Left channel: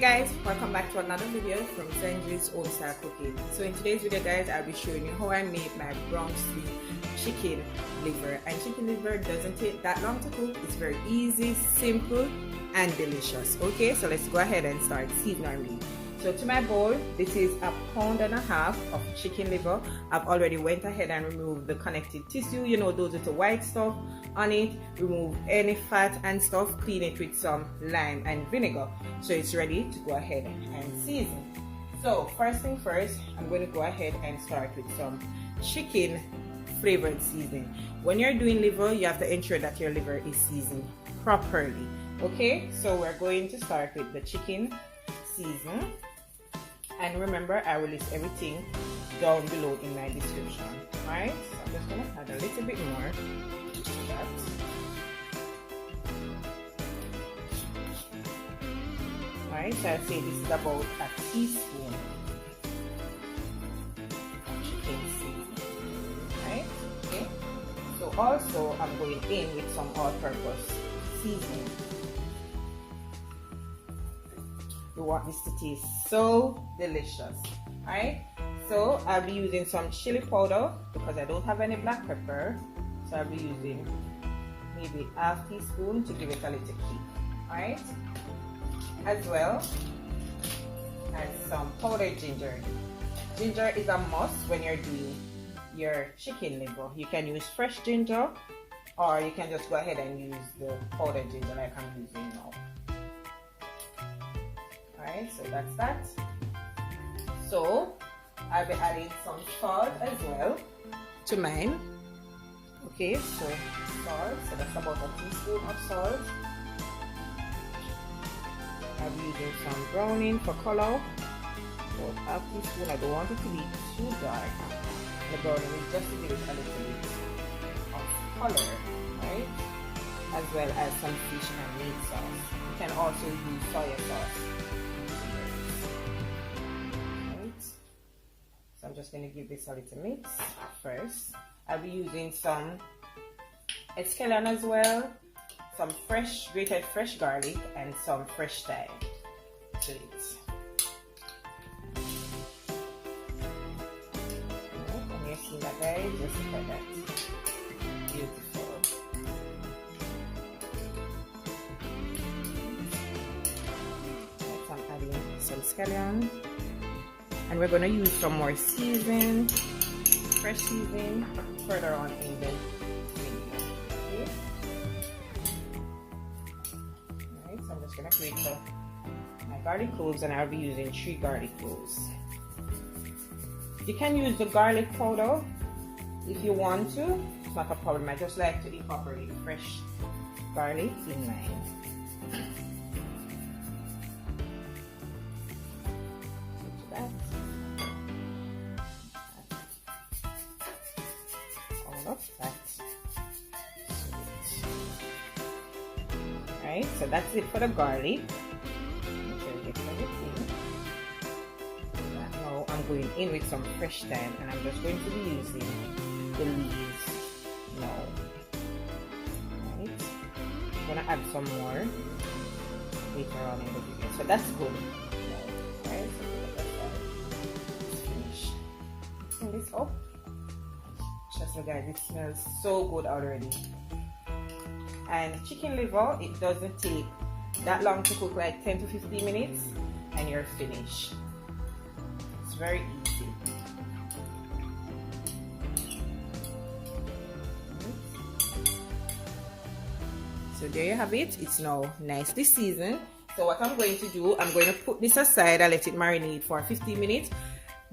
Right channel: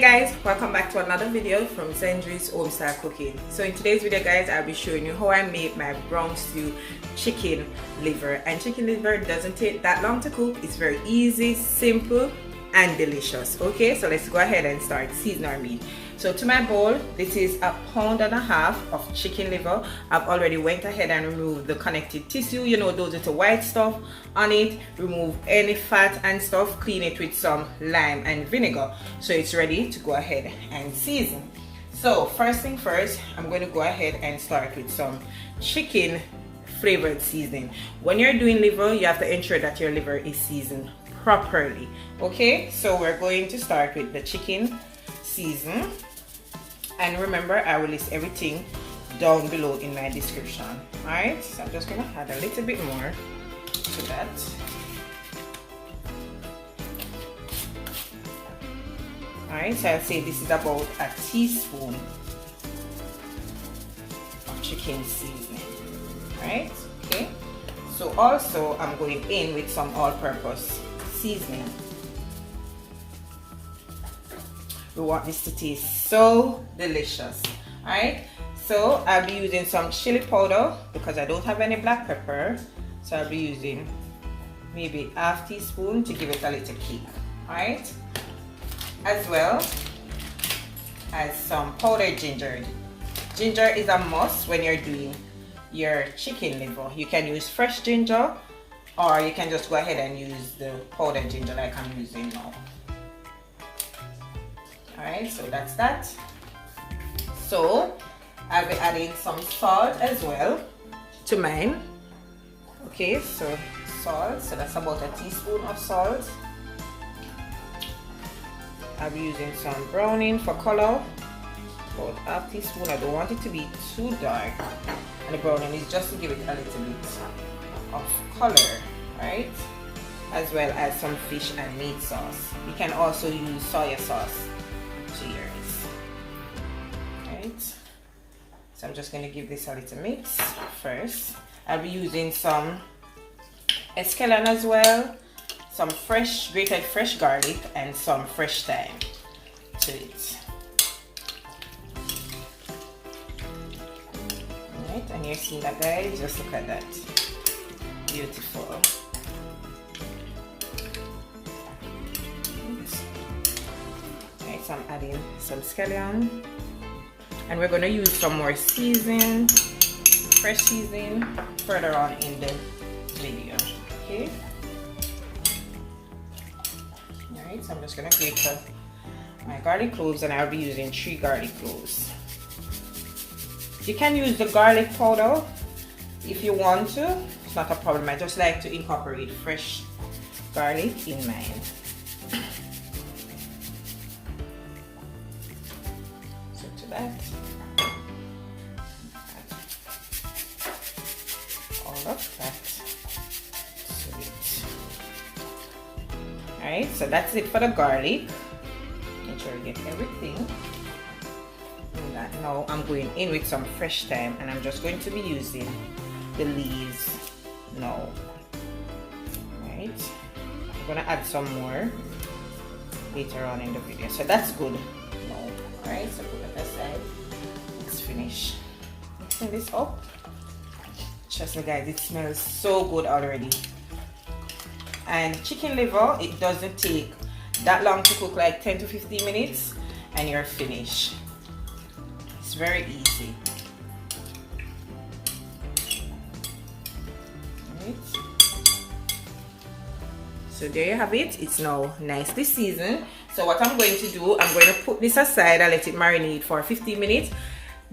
Hey guys, welcome back to another video from Zendri's Home Style Cooking. So in today's video guys, I'll be showing you how I made my brown stew chicken liver. And chicken liver doesn't take that long to cook. It's very easy, simple and delicious. Okay, so let's go ahead and start seasoning our meat. So to my bowl, this is 1.5 pounds of chicken liver. I've already went ahead and removed the connective tissue, you know, those little white stuff on it. Remove any fat and stuff, clean it with some lime and vinegar. So it's ready to go ahead and season. So first thing first, I'm going to go ahead and start with some chicken flavored seasoning. When you're doing liver, you have to ensure that your liver is seasoned properly. Okay, so we're going to start with the chicken season. And remember, I will list everything down below in my description. Alright, so I'm just going to add a little bit more to that. Alright, so I'll say this is about a teaspoon of chicken seasoning. Alright, okay. So also, I'm going in with some all-purpose seasoning. We want this to taste so delicious. Alright, so I'll be using some chili powder because I don't have any black pepper, so I'll be using maybe ½ teaspoon to give it a little kick. Alright, as well as some powdered ginger. Ginger is a must when you're doing your chicken liver. You can use fresh ginger or you can just go ahead and use the powdered ginger like I'm using now. Alright, so that's that. So I'll be adding some salt as well to mine. Okay, so salt, so that's about a teaspoon of salt. I'll be using some browning for color, about ½ teaspoon. I don't want it to be too dark, and the browning is just to give it a little bit of color, right? As well as some fish and meat sauce. You can also use soy sauce. So I'm just going to give this a little mix first. I'll be using some escallion as well, some grated fresh garlic and some fresh thyme to it. Alright, and you're seeing that guys, just look at that. Beautiful. Alright, so I'm adding some scallion. And we're going to use some more seasoning, fresh seasoning, further on in the video. Okay. Alright, so I'm just going to grate my garlic cloves, and I'll be using 3 garlic cloves. You can use the garlic powder if you want to. It's not a problem. I just like to incorporate fresh garlic in mine. Alright, so that's it for the garlic. Make sure you get everything. And now I'm going in with some fresh thyme, and I'm just going to be using the leaves now. Alright, I'm gonna add some more later on in the video. So that's good now. Alright, so put that aside. Let's finish mixing this up. Trust me guys, it smells so good already. And chicken liver, it doesn't take that long to cook, like 10 to 15 minutes, and you're finished. It's very easy. Right. So there you have it. It's now nicely seasoned. So what I'm going to do, I'm going to put this aside and let it marinate for 15 minutes.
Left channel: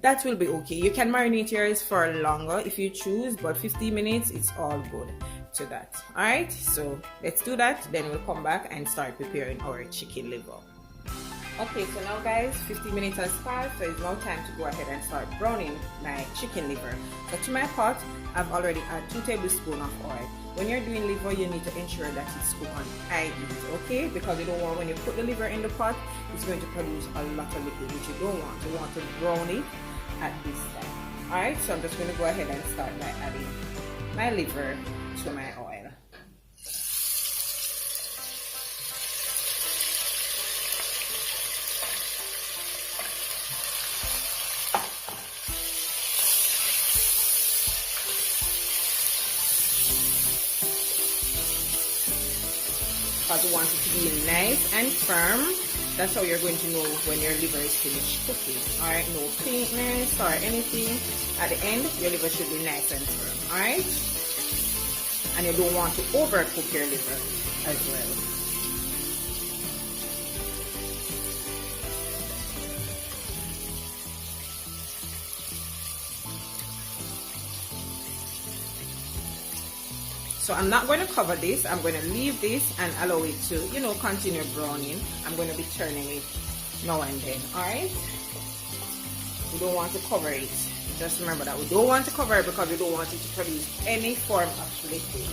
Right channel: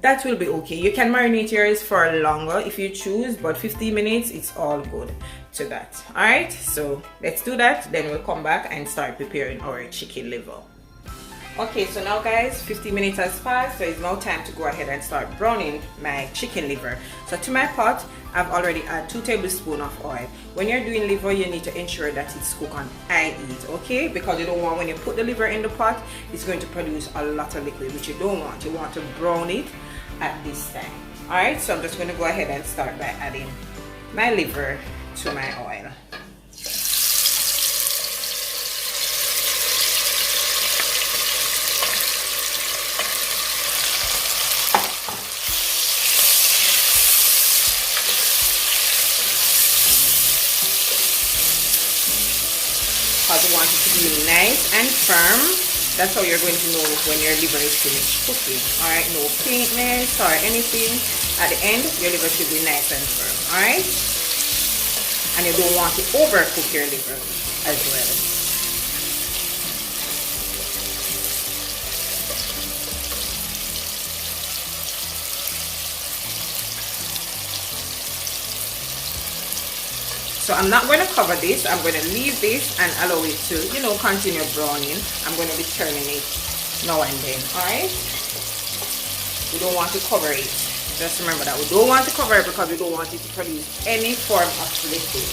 That will be okay. You can marinate yours for longer if you choose, but 15 minutes, it's all good to that. Alright, so let's do that, then we'll come back and start preparing our chicken liver. Okay, so now guys, 15 minutes has passed, so it's now time to go ahead and start browning my chicken liver. So to my pot, I've already added 2 tablespoons of oil. When you're doing liver, you need to ensure that it's cooked on high heat, okay? Because you don't want, when you put the liver in the pot, it's going to produce a lot of liquid, which you don't want. You want to brown it at this time. Alright, so I'm just going to go ahead and start by adding my liver to my oil. and firm. That's how you're going to know when your liver is finished cooking. Alright, no faintness or anything. At the end, your liver should be nice and firm. Alright? And you don't want to overcook your liver as well. So I'm not going to cover this. I'm going to leave this and allow it to, you know, continue browning. I'm going to be turning it now and then. Alright? We don't want to cover it. Just remember that we don't want to cover it because we don't want it to produce any form of liquid.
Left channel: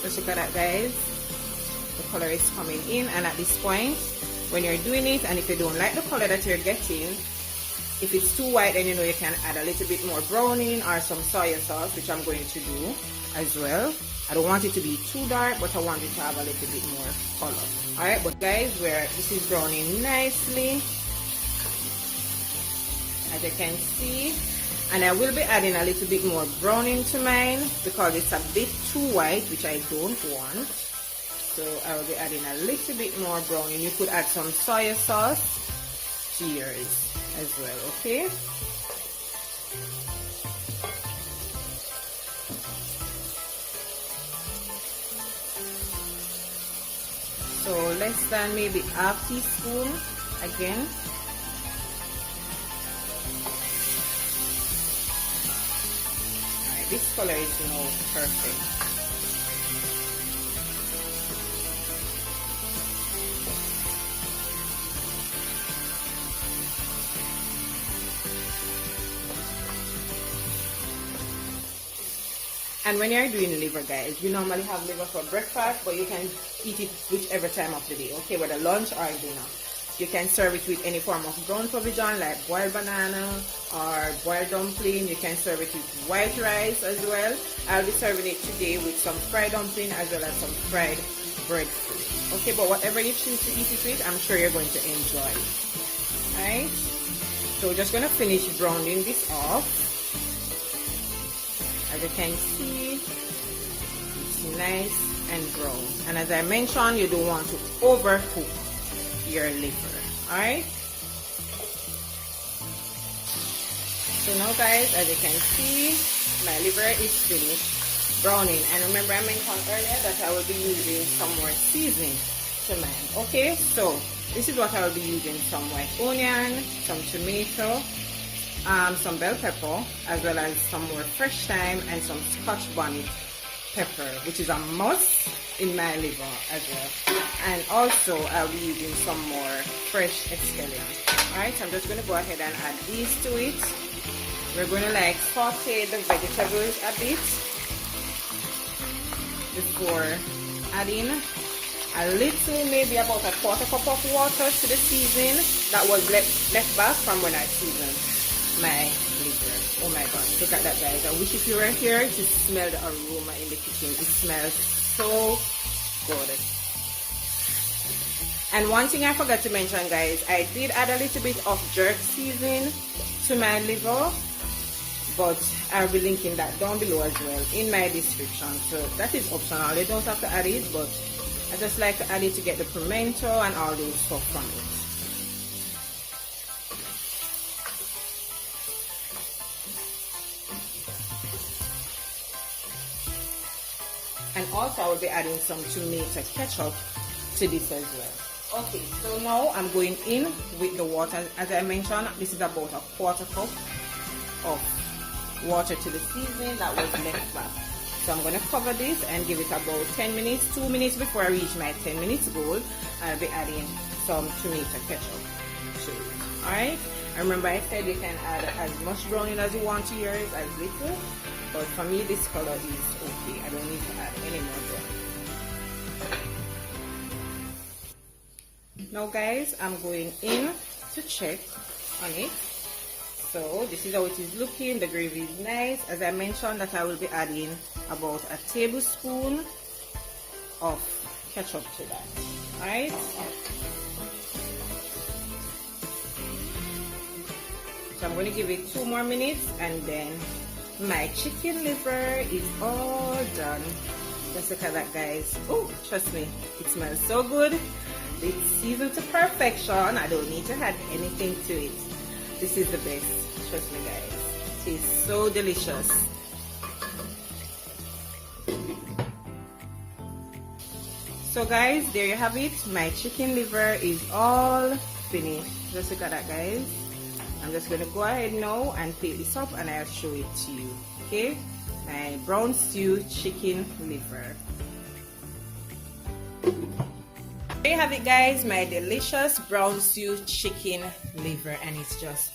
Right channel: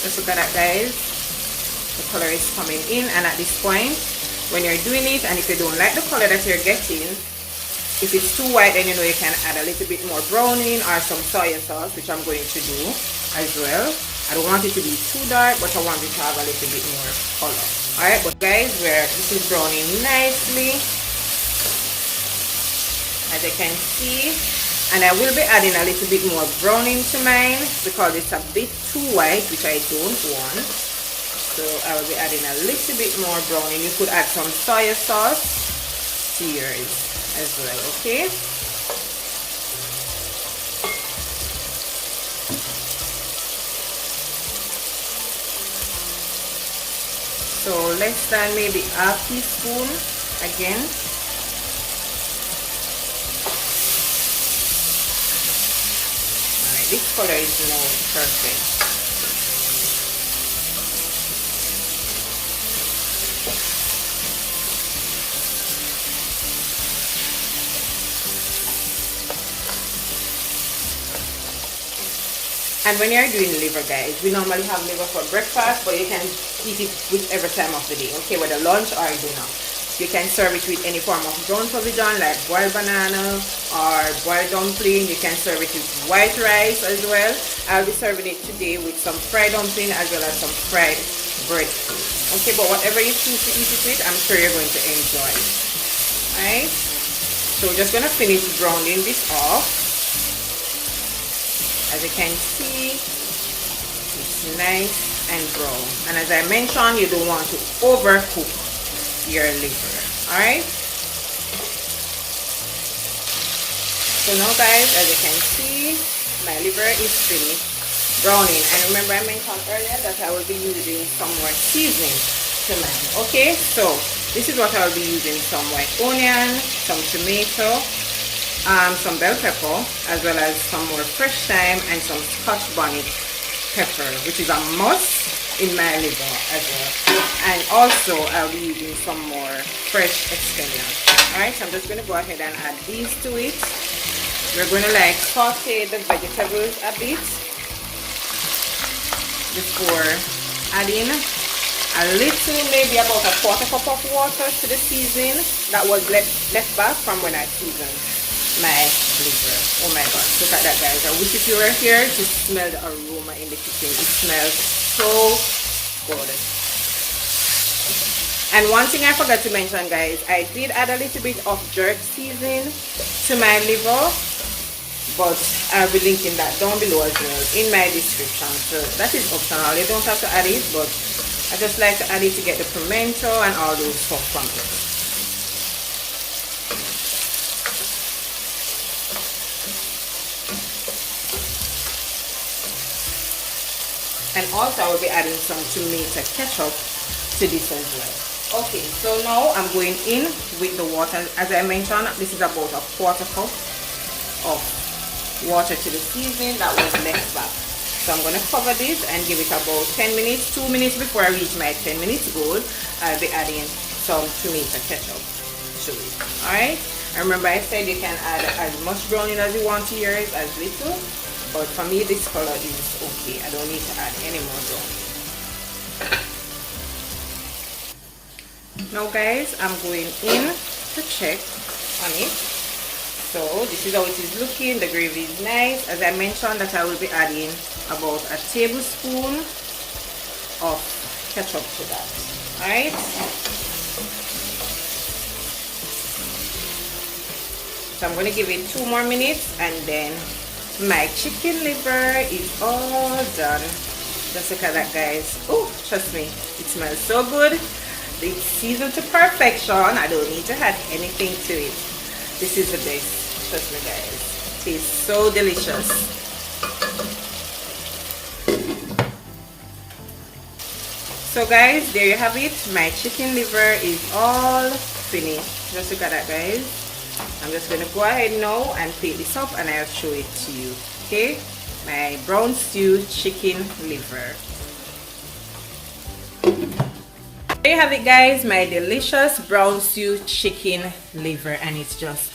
Just look at that, guys. The color is coming in, and at this point, when you're doing it, and if you don't like the color that you're getting, if it's too white, then you know you can add a little bit more browning or some soy sauce, which I'm going to do as well. I don't want it to be too dark, but I want it to have a little bit more color. Alright, but guys, this is browning nicely, as you can see. And I will be adding a little bit more browning to mine because it's a bit too white, which I don't want. So I will be adding a little bit more browning. You could add some soy sauce to yours as well, okay? So less than maybe half teaspoon again. This color is now perfect. And when you're doing liver, guys, we normally have liver for breakfast, but you can eat it whichever time of the day, okay, whether lunch or dinner. You can serve it with any form of brown provision like boiled banana or boiled dumpling. You can serve it with white rice as well. I'll be serving it today with some fried dumpling as well as some fried bread. Okay, but whatever you choose to eat it with, I'm sure you're going to enjoy it. Alright? So we're just going to finish browning this off. As you can see, it's nice and brown. And as I mentioned, you don't want to overcook your liver. Alright, so now guys, as you can see, my liver is finished browning. And remember, I mentioned earlier that I will be using some more seasoning to mine. Okay, so this is what I will be using: some white onion, some tomato, some bell pepper, as well as some more fresh thyme and some Scotch bonnet pepper, which is a must in my liver as well. And also I'll be using some more fresh scallions. Alright, so I'm just going to go ahead and add these to it. We're going to like saute the vegetables a bit before adding a little, maybe about a quarter cup of water to the season that was left back from when I seasoned my liver. Oh my god, look at that, guys. I wish if you were here to smell the aroma in the kitchen. It smells so good. And one thing I forgot to mention, guys, I did add a little bit of jerk seasoning to my liver, but I'll be linking that down below as well in my description. So that is optional. You don't have to add it, but I just like to add it to get the pimento and all those stuff from it. And also I will be adding some tomato ketchup to this as well. Okay, so now I'm going in with the water. As I mentioned, this is about a quarter cup of water to the seasoning that was left back. So I'm going to cover this and give it about 10 minutes, 2 minutes before I reach my 10 minutes goal. I'll be adding some tomato ketchup to it. Alright, and remember I said you can add as much browning as you want to yours, as little. But for me, this color is okay. I don't need to add any more browning. Now guys, I'm going in to check on it. So this is how it is looking. The gravy is nice. As I mentioned, that I will be adding about a tablespoon of ketchup to that. Alright, so I'm going to give it 2 more minutes, and then my chicken liver is all done. Just look at that, guys. Oh, trust me, it smells so good. It's seasoned to perfection. I don't need to add anything to it. This is the best. Trust me, guys. It tastes so delicious. So guys, there you have it. My chicken liver is all finished. Just look at that, guys. I'm just going to go ahead now and plate this up, and I'll show it to you. Okay, my brown stew chicken liver. There you have it, guys, my delicious brown stew chicken liver, and it's just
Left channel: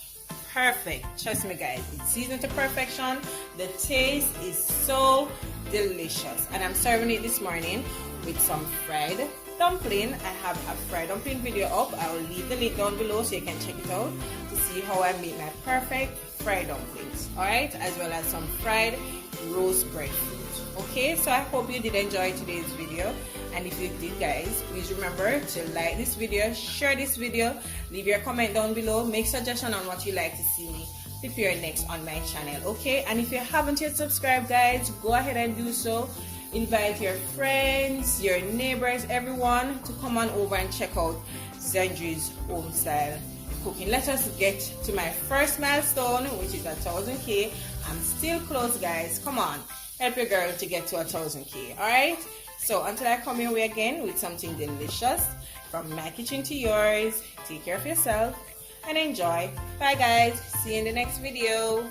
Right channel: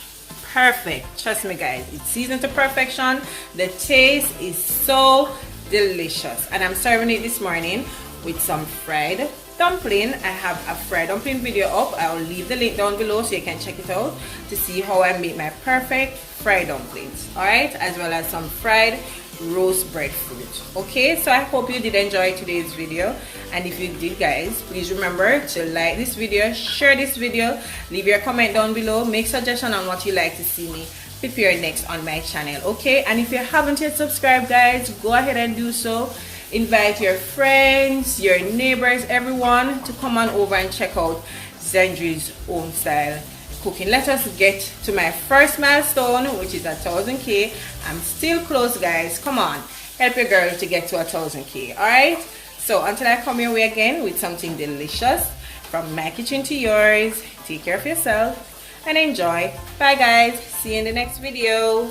perfect. Trust me, guys, it's seasoned to perfection. The taste is so delicious, and I'm serving it this morning with some fried dumpling. I have a fried dumpling video up. I'll leave the link down below so you can check it out to see how I make my perfect fried dumplings. Alright, as well as some fried roast breadfruit. Okay, so I hope you did enjoy today's video, and if you did, guys, please remember to like this video, share this video, leave your comment down below, make suggestion on what you like to see me prepare next on my channel. Okay, and if you haven't yet subscribed, guys, go ahead and do so. Invite your friends, your neighbors, everyone to come on over and check out Zendri's Home Style Cooking. Let us get to my first milestone, which is 1,000K. I'm still close, guys. Come on, help your girl to get to 1,000K. Alright, so until I come your way again with something delicious from my kitchen to yours, take care of yourself and enjoy. Bye, guys. See you in the next video.